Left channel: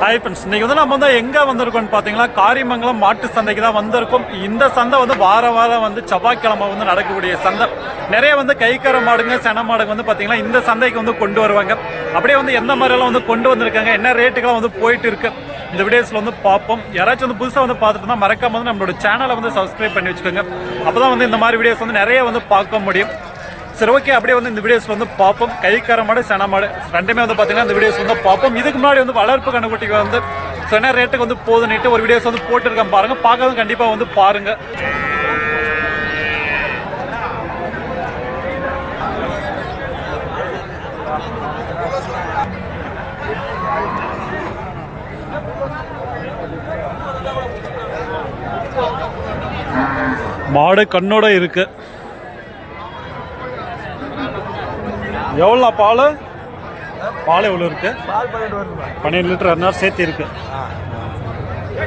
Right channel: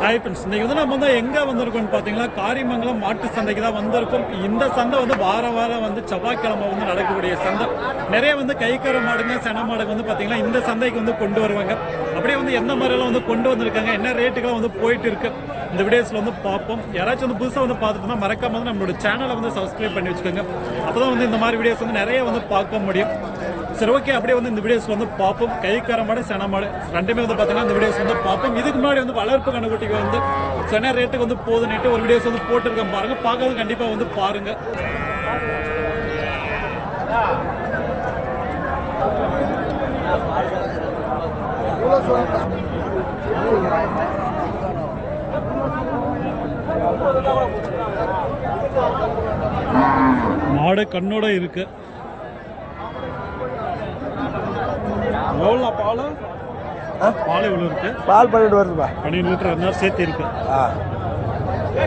Hi friends இன்னைக்கு வந்து நம்ம வந்து எங்கே வந்திருக்கோம்னு பார்த்தீங்கன்னா காரிமங்கலம் மாட்டு சந்தைக்கு தான் வந்திருக்கோம். இந்த சந்தை வந்து வார வாரம் வந்து செவ்வாய்க்கிழமை வந்து நடக்கக்கூடிய சந்தை. நிறைய வந்து கைக்கர மாடுங்க சென மாடுங்க வந்து பார்த்தீங்கன்னா இந்த சந்தைக்கு வந்து கொண்டு வருவாங்க. அப்படியே வந்து எந்த மாதிரியெல்லாம் வந்து கொண்டு வந்திருக்காங்க என்ன ரேட்டுக்கெல்லாம் வந்து போயிட்டு இருக்கு இந்த வீடியோஸில் வந்து பார்ப்போம். யாராச்சும் வந்து புதுசாக வந்து பார்த்துட்டோம்னா மறக்காம வந்து நம்மளோட சேனலை வந்து சப்ஸ்கிரைப் பண்ணி வச்சுக்கோங்க. அப்போ தான் வந்து இந்த மாதிரி வீடியோஸ் வந்து நிறைய வந்து பார்க்க முடியும். சரி ஓகே அப்படியே வந்து இந்த வீடியோஸ் வந்து பார்ப்போம். கைக்கார மாடு சென மாடு ரெண்டுமே வந்து பார்த்தீங்கன்னா இந்த வீடியோஸ் வந்து பார்ப்போம். இதுக்கு முன்னாடி வந்து வளர்ப்பு கண்ணுக்குட்டிக்கு வந்து ஸோ ரேட்டுக்கு வந்து போதுன்னுட்டு ஒரு வீடியோஸ் வந்து போட்டிருக்கேன் பாருங்கள் பார்க்காத கண்டிப்பாக வந்து பாருங்கள் மாடு கண்ணோட இருக்கு. எவ்வளோ பால்? பால் எவ்வளோ இருக்கு? பால் பண்ணிட்டு வருதுப்பா பன்னெண்டு லிட்டர் அரை சேர்த்து இருக்கு.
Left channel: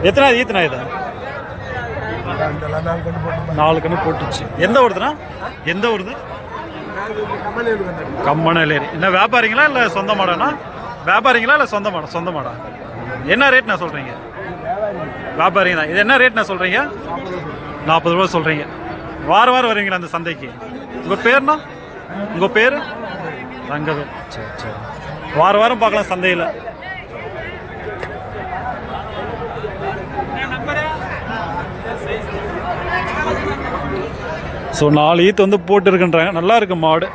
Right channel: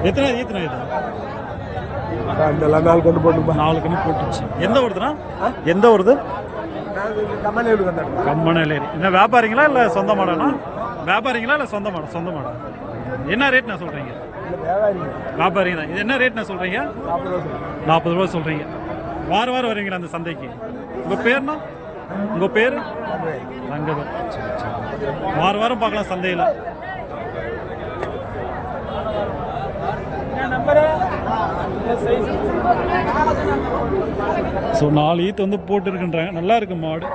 எத்தனை ஈத்தனா இது? நாள் கொண்டு போட்டுப்பா நாலு கண்ணு போட்டுச்சு. எந்த ஊருதுண்ணா? எந்த வந்தாரு கம்மனலேரி. என்ன வியாபாரிங்களா இல்லை சொந்த மாடாண்ணா? வியாபாரிங்களா இல்லை சொந்த மாடா? சொந்த மாடா. என்ன ரேட் நான் சொல்கிறீங்க வியாபாரிங்க தான். இது என்ன ரேட் நான் சொல்கிறீங்க நாற்பது ரூபா சொல்கிறீங்க வாரம் வாரம் வருவீங்களா அந்த சந்தைக்கு? உங்கள் பேர்னா உங்கள் பேர்? ரங்கவேல் சரி சரி. வாரம் வாரம் பார்க்கலாம் சந்தையில். ஸோ நாலு ஈத்து வந்து போட்டுருக்குன்றாங்க. நல்லா இருக்கு மாடு.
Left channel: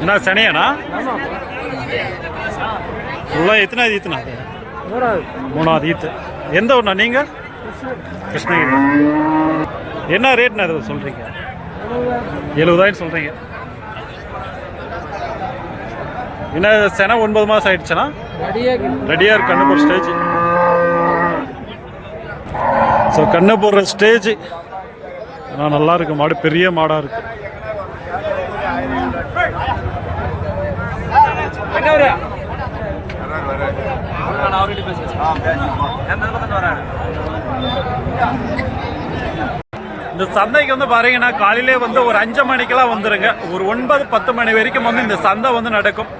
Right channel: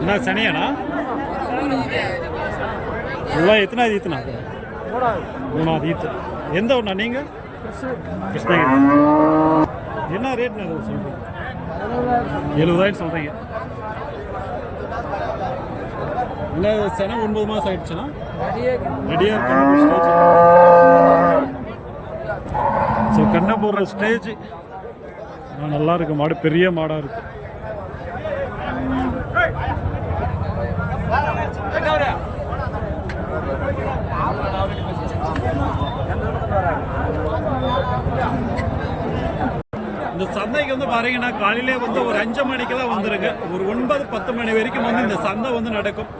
என்ன சனியாண்ணா ஃபுல்லாக எத்தனாவது ஈத்துண்ணா அது? மூணாவது ஈத்து. எந்த ஒன்றா நீங்கள் கிருஷ்ணகிரி. என்ன ரேட்ண்ணா அது சொல்கிறீங்க எழுபதாயிரம் சொல்கிறீங்க என்ன சென ஒன்பது மாதம் ஆயிடுச்சுண்ணா ரெடியாக இருக்கு. கண்ணு போகிற ஸ்டேஜ் ஸோ கண்ணு போடுற ஸ்டேஜ் ஆனால் நல்லா இருக்கு. மாடு பெரிய மாடாக இருக்கு. இந்த சந்தைக்கு வந்து பாத்தீங்கன்னா காலையிலே வந்து ஒரு அஞ்சு மணிக்கெல்லாம் வந்துருங்க. ஒரு ஒன்பது பத்து மணி வரைக்கும் வந்து இந்த சந்தை வந்து நடக்கும்.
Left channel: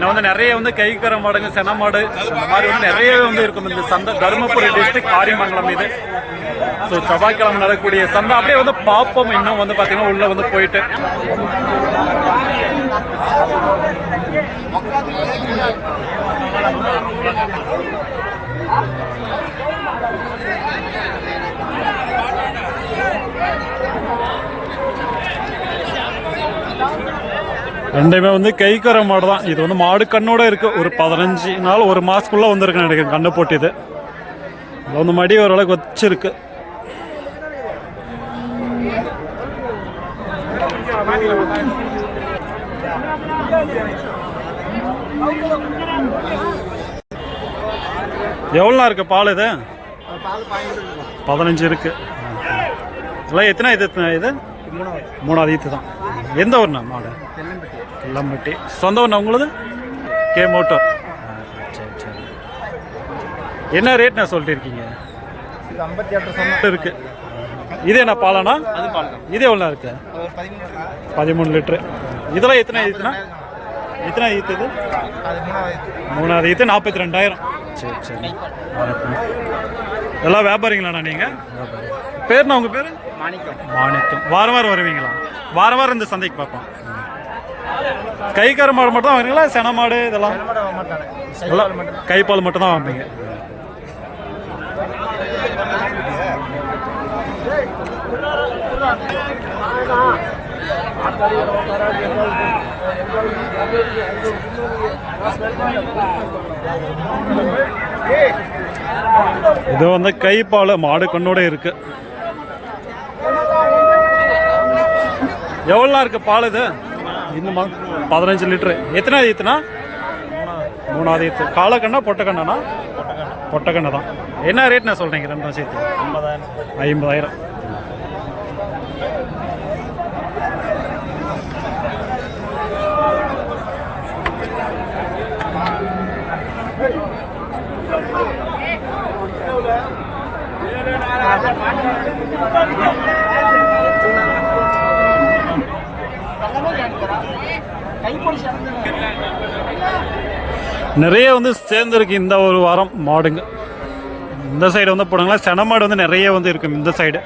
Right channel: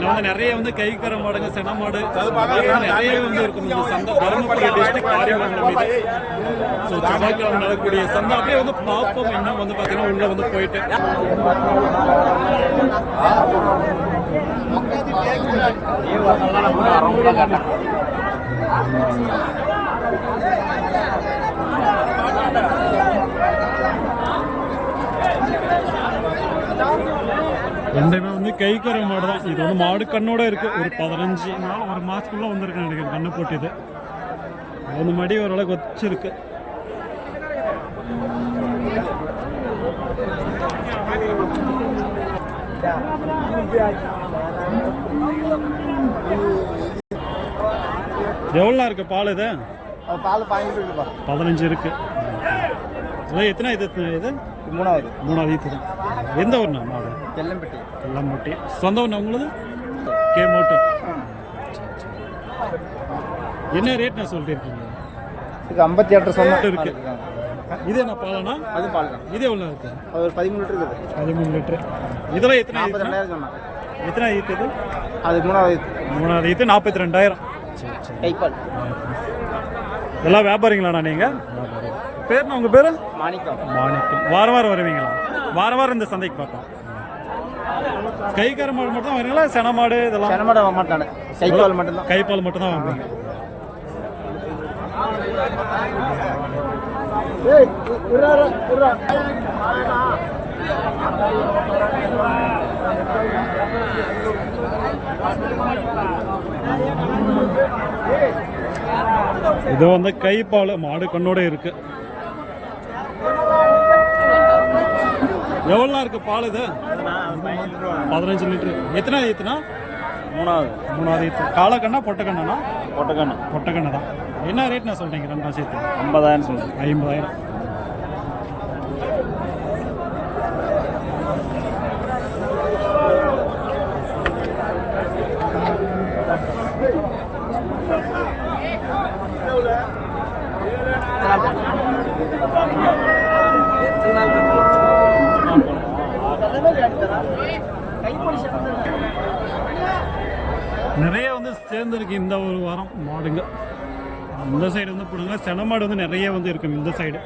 இன்னும் வந்து நிறைய வந்து கைக்கர மாடுங்க சென மாடு இந்த மாதிரி வந்து நிறையவே வந்து இருக்கும். இந்த சந்தை தருமபுரி டிஸ்ட்ரிக்ட் காரிமங்கலம் இது. ஸோ செவ்வாய்க்கிழமை நடக்கக்கூடிய சந்தை அப்படியே வந்து பார்ப்போம். இன்னும் வந்து பார்த்தீங்கன்னா உள்ள வந்து போயிட்டு. ரெண்டுமே வந்து கைக்கர மாடு தான் இது வந்து மாடு கண்ணோட இருக்கு. ஒரு பதினஞ்சு நாள் ஒரு மாசத்துக்குள்ள வந்திருக்கு நினைக்கிறேன். கண்ணு போட்டு இது வந்து மடி ஓரளவுக்கு வச்சிருக்கு. எவ்வளோ இருக்கு பால் இது? பதினஞ்சு இருக்கு. இதெல்லாம் எத்தனை இது எத்தனை இது? மூணாவது. மூணாவது ஈத்து தான். எந்த ஊர்ண்ணா மாடு? தெல்லம்பட்டி. கல்லம்பட்டி சொந்த ஊர்ண்ணா உங்களுது? கே மோட்டோ. சரி சரி. என்ன ரேட் நான் சொல்லிட்டு இருக்கீங்க ஐம்பத்தி எட்டு இருக்கு. இது என்ன பாலானா அது பால் தான். இது எவ்வளோ இருக்கு? ஒரு பதிமூணு லிட்டர் இருக்குது. பதிமூணு லிட்டரு. இதெல்லாம் எத்தனை ஈத்துனா எத்தனை ஈத்து இது? அது மூணாவது மூணாவது ஈத்து நாற்பத்தி ரெண்டாயிரம். சரி சரி. எல்லாம் வியாபாரிங்களாண்ணா நீங்கள் பேர்ண்ணா உங்கள் பேர் மாணிக்கம் மாணிக்கம் வாரம் வாரம் வருவீங்களா வாரம் வாரம் இந்த சந்தைக்கு பார்ப்போம் கைக்கார மாடு மட்டும் தான் வாங்குறீங்களா சென மாடு இதெல்லாம் கைப்பால் மட்டும் தான் வாங்குவீங்க இது வந்து கைப்பால் மாடு கண்ணோட இருக்கு. எவ்வளோ இருக்கு பால் இது? பதினஞ்சு லிட்ரு எத்தனாவது ஈத்துனா மூணாவது மூணாவது ஈத்து காலக்கண்ணா பொட்டக்கண்ணாண்ணா? பொட்டக்கண்ணு. பொட்டக்கண்ணு தான். என்ன ரேட்ண்ணா சொல்கிறீங்க ரெண்டாம் சேர்த்து? ஐம்பதாயிரம் ஐம்பதாயிரம். நிறைய வந்து சேர்ந்துருக்கு இந்த ஒரு வாரம் மாடுங்க. இந்த சைடு வந்து போனாங்களா சென மாடு வந்து நிறைய வந்து இருக்கும் இந்த சைடு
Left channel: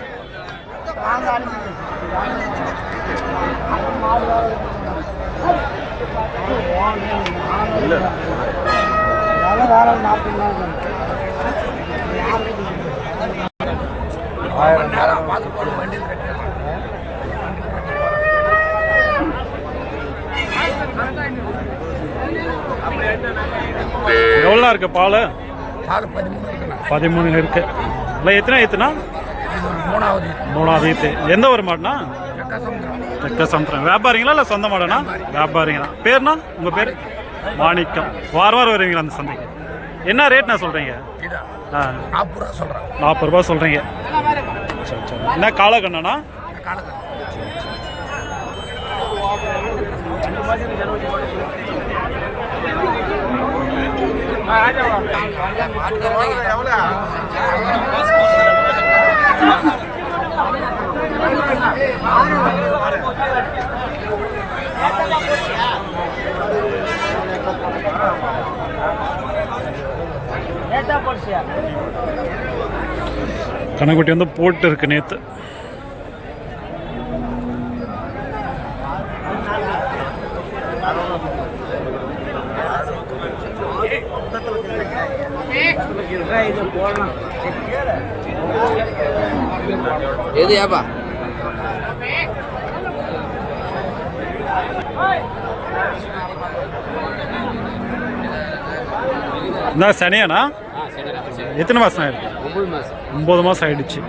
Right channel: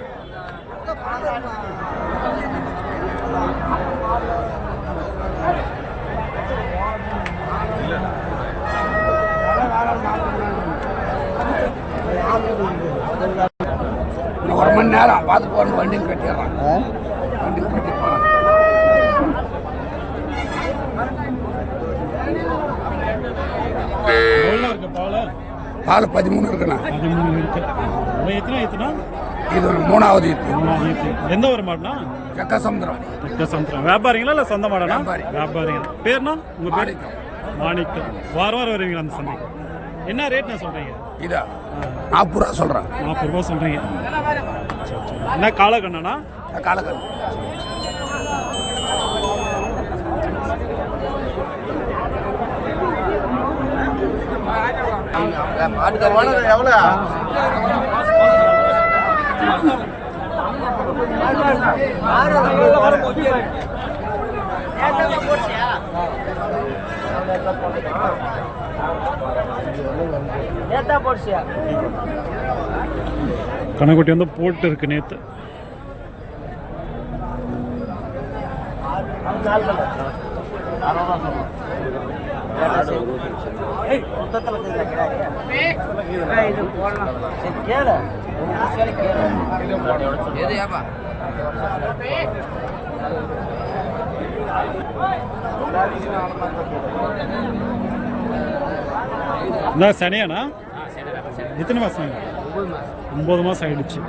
அரை மணி நேரம் பார்த்து போகணும் வண்டியில் கட்டிடலாம் எவ்வளோ இருக்கு பால்? நாலு பதிமூணு இருக்குண்ணா. பதிமூணு இருக்கு. இல்லை எத்தனை ஈத்துனா இது மூணாவது மூணாவது ஈத்து. எந்த ஒரு மாடுனா கக்க சமுத்திரம் தெக்க சமுத்திரம் வியாபாரிங்களா இல்லை சொந்த மாடனா வியாபாரிங்களா. பேர்னா உங்கள் பேர்? மாணிக்கம். வாரம் வாரம் வருவீங்களா அந்த சந்தைக்கு? என்ன ரேட்ண்ணா சொல்கிறீங்க இதா? நாற்பது ரூபா சொல்கிறேன் நாற்பது ரூபா சொல்கிறீங்க சரி சரி. என்ன காலக்கண்ணனா காலக்கல் கணக்குட்டி வந்து போட்டு இருக்கு நேற்று எது ஏப்பா இந்த சனியாண்ணா எத்தனை மாதம் ஆயிருக்கு ஒம்பது மாதம் ஆயிடுச்சு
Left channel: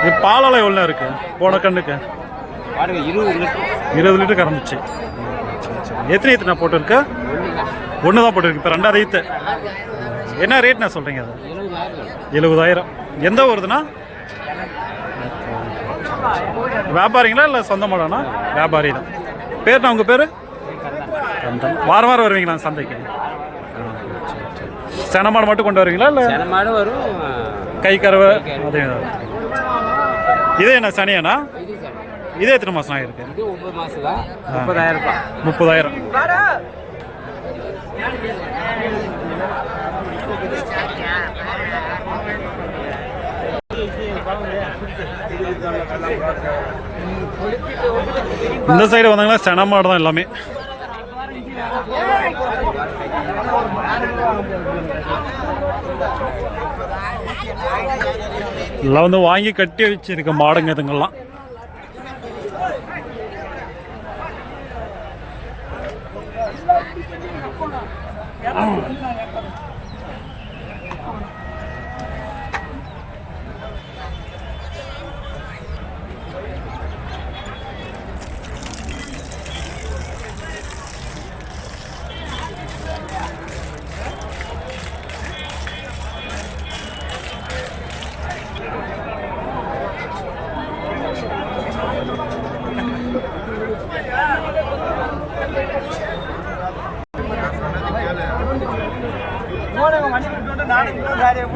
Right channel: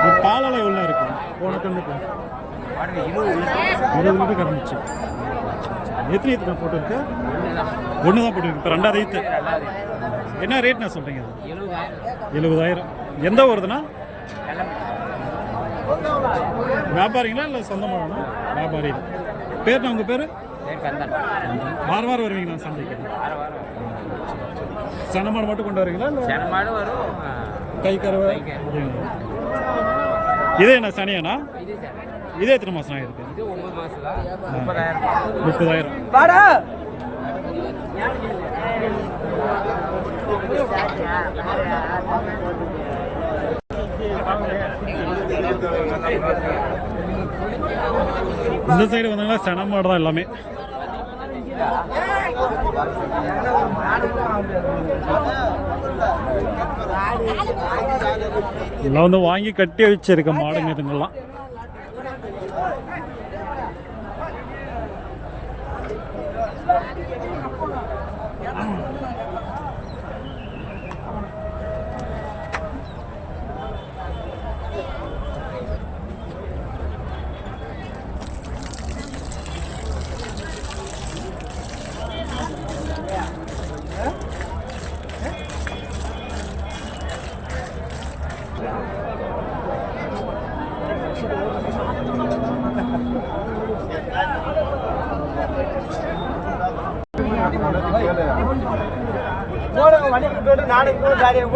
இது பாலெல்லாம் எவ்வளோ இருக்கு போன கண்ணுக்கு இருபது லிட்டர் கறந்துச்சு. எத்தனை ஈத்து நான் போட்டிருக்கு ஒன்று தான் போட்டிருக்கு இப்போ ரெண்டாவது ஈத்து என்ன ரேட்ண்ணா சொல்கிறீங்க அது? எழுபதாயிரம். எந்த ஊருதுண்ணா? வியாபாரிங்களா இல்லை சொந்த மாடாண்ணா? வியாபாரி தான் பேர்ண்ணா உங்கள் பேர்? கந்தன். வாரம் வாரம் வருவீங்களா சந்தைக்கு? சென மாடு மட்டும் கொண்டு வருவீங்களா இல்லை? கை கறவை அதே இதே என்ன சனியாண்ணா? இதே எத்தனை மாதம் ஆகிருக்கு முப்பதாயிரம். இந்த சைடு வந்தாங்கன்னா சென மாடு தான் எல்லாமே. எல்லாம் வந்து வாங்கி கட்டி வச்சிருக்க மாடுங்க இதுங்கெல்லாம்.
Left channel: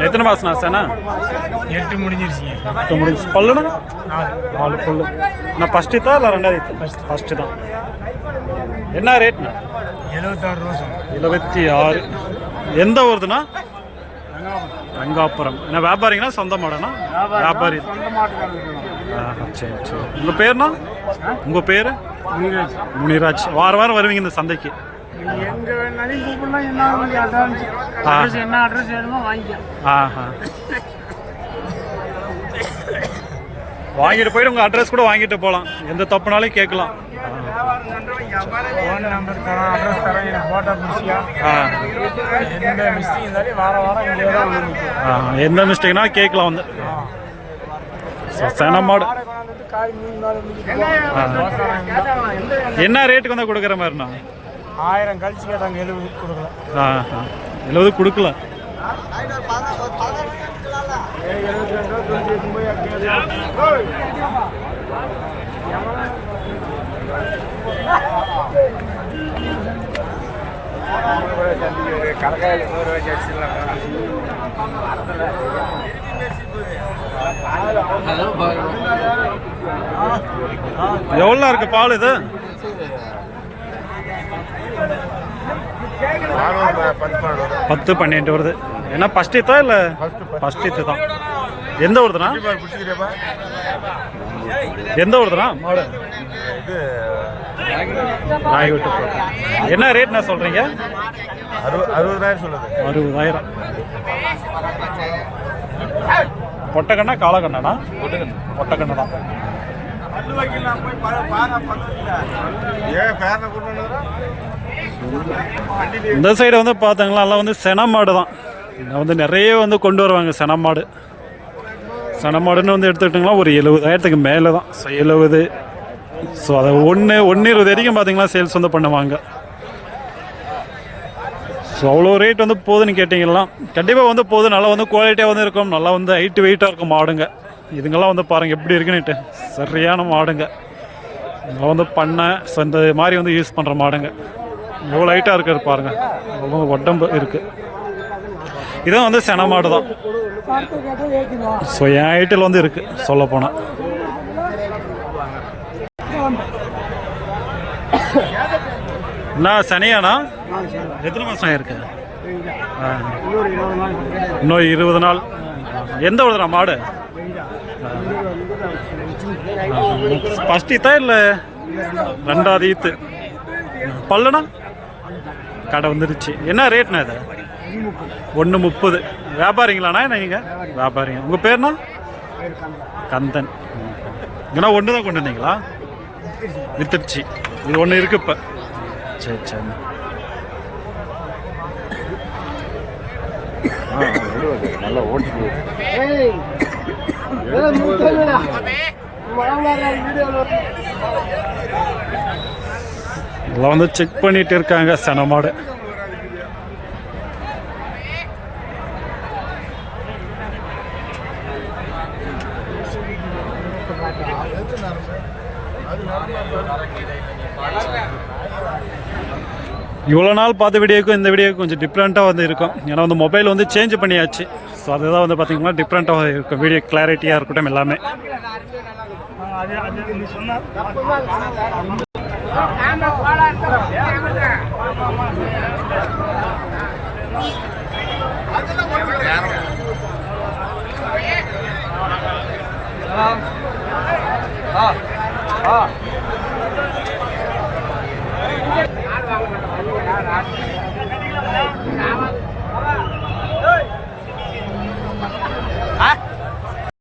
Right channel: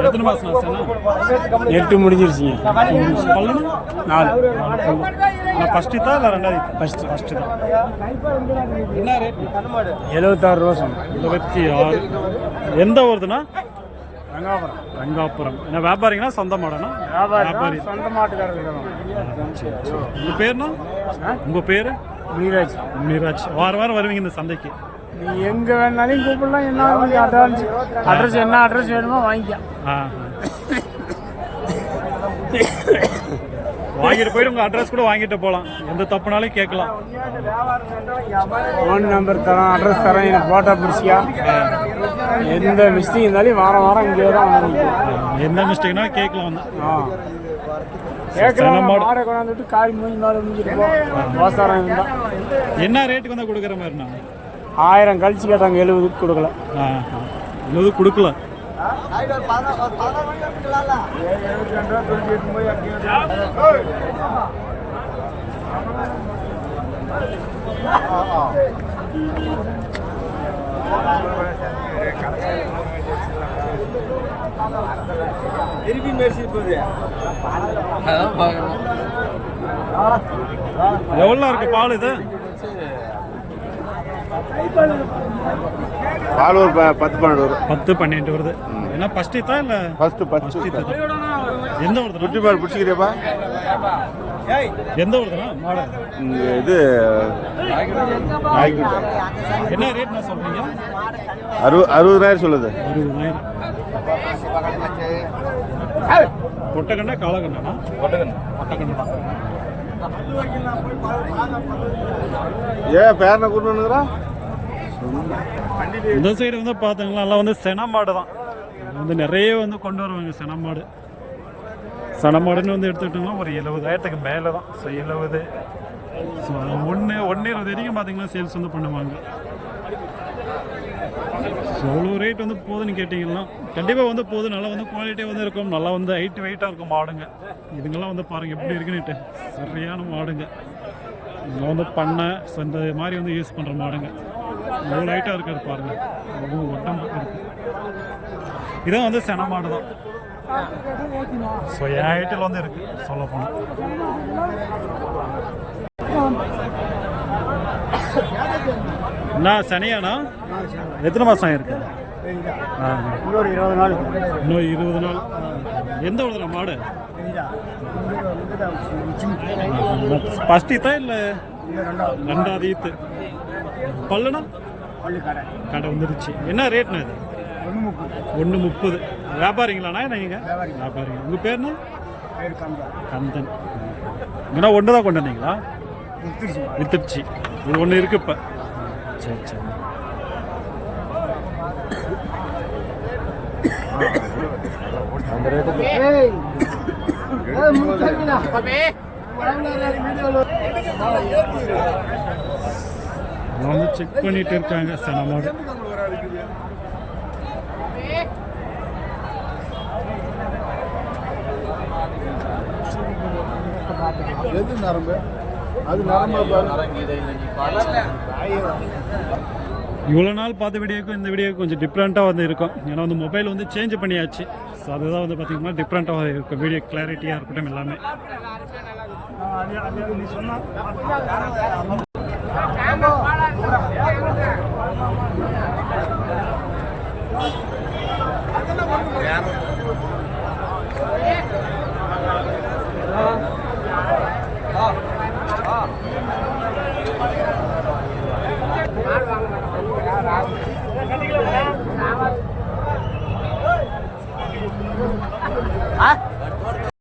எத்தனை மாசம் ஆச்சுண்ணா எட்டு முடிஞ்சிருச்சுங்க. எட்டு முடிஞ்சு. பல்லுண்ணா நாலு. நாலு பல்லு. நான் ஃபஸ்ட்டு தான் இல்லை ரெண்டாவது ஃபஸ்ட் ஃபஸ்ட்டு தான். என்ன ரேட்ண்ணா எழுபத்தாறு ரூபா சொன்னேன். எழுபத்தி ஆறு எந்த ஊருதுண்ணா? ரங்காபுரம். ரங்காபுரம். என்ன வியாபாரிங்களா? சொந்த மாடனா வியாபாரி. சொந்த மாட்டுக்காரங்க ஆ, சரி சரி. உங்கள் பேர்ண்ணா? உங்கள் பேர்? முனிராஜ். முனிராஜ். வாரம் வாரம் வருவீங்க இந்த சந்தைக்கு. எங்க வேணாலும் கூப்பிடலாம். என்ன உங்களுக்கு அட்வான்ஸ் அட்ரஸ் என்ன அட்ரஸ் வேணுமோ வாங்கிக்க. ஆஹா. வாங்கிட்டு போயிட்டு உங்கள் அட்ரஸ் கூட வாங்கிட்டு போகலாம் எந்த தப்புனாலும் கேட்கலாம். ஃபோன் நம்பர் தரேன் அட்ரஸ் தரேன் எனக்கு ஃபோட்டோ பிடிச்சியா? எந்த மிஸ்டேக் இருந்தாலும் வாரம் வாரம் இங்கே ஆ, எந்த மிஸ்டேக்னா கேட்கலாம் வந்து. போட்டு என்ன ரேட்டுக்கு வந்து கொடுக்குற மாதிரிண்ணா? ஆயிரம் கழிச்சு கேட்டாங்க எழுபதுக்கு கொடுக்கல. எழுபது கொடுக்கல. எவ்வளோ இருக்கு பால் இது? பத்து பன்னெண்டு வருது. என்ன ஃபர்ஸ்ட் இத்தா இல்ல? ஃபர்ஸ்ட் இத்து தான் எந்த பிடிச்சிக்கிறப்பா எந்த ஊருதுண்ணா? மாடு. இது என்ன ரேட்ண்ணா சொல்றீங்க? அறுபது அறுபதாயிரம் சொல்லுது. அறுபதாயிரம். பொட்டக்கண்ணா காலக்கண்ணாண்ணா பொட்டக்கண்ணு தான். ஏன் பேரனை கூட்டு வந்துக்கிறோம் இந்த சைடு வந்து பார்த்தாங்களா எல்லாம் வந்து சென மாடு தான். இங்கே வந்து நிறைய வந்து கொண்டு வருவாங்க சென மாடு. சென மாடுன்னு வந்து எடுத்துக்கிட்டிங்கன்னா ஒரு எழுபதாயிரத்துக்கு மேலே தான். ஸோ எழுபது. ஸோ அதை ஒன்று ஒன்று இருபது வரைக்கும் பார்த்தீங்கன்னா சேல்ஸ் வந்து பண்ணுவாங்க. ஸோ அவ்வளோ ரேட் வந்து போகுதுன்னு கேட்டிங்கன்னா கண்டிப்பாக வந்து போகுது நல்லா வந்து குவாலிட்டியாக வந்து இருக்கும். நல்லா வந்து ஹைட்டு வெயிட்டாக இருக்கும் மாடுங்க. இதுங்கெல்லாம் வந்து பாருங்கள் எப்படி இருக்குன்னுட்டு. சரியான மாடுங்க. இதெல்லாம் வந்து பண்ணை ஸோ இந்த மாதிரி வந்து யூஸ் பண்ணுற மாடுங்க. எவ்வளோ ஹைட்டாக இருக்காரு பாருங்கள் ரொம்ப உடம்பு இருக்குது இதான் வந்து சென மாடு தான். ஸோ என் ஹைட்டில் வந்து இருக்குது சொல்ல போனால் என்ன சனியாண்ணா? எத்தனை மாதம் ஆயிருக்கு? இன்னொரு இருபது நாள் இன்னும் இருபது நாள். எந்த ஊருதுண்ணா மாடு? ஃபஸ்ட் ஈத்தா இல்லை? ரெண்டாவது ஈத்து. பல்லுண்ணா? கடை வந்துருச்சு. என்ன ரேட்ண்ணா இது? ஒன்று முப்பது. வியாபாரிங்களாண்ணா என்ன நீங்கள் வியாபாரிங்க. உங்கள் பேர்ண்ணா? பேர் கந்தா கந்தன். இங்கேனா ஒன்று தான் கொண்டு வந்தீங்களா? வித்துடுச்சு இது ஒன்று இருக்கு இப்போ. சரி சரி. எல்லாம் வந்து செக் பண்ணிட்டு இருக்காங்க சனமாடு இவ்வளோ நாள் பார்த்த வீடியோக்கும் இந்த வீடியோக்கும் கொஞ்சம் டிஃப்ரெண்ட்டாக வந்து இருக்கும். ஏன்னா வந்து மொபைல் வந்து சேஞ்ச் பண்ணியாச்சு. ஸோ அதுதான் வந்து பார்த்தீங்கன்னா டிஃப்ரெண்ட்டாக இருக்கும். வீடியோ கிளாரிட்டியாக இருக்கட்டும் எல்லாமே.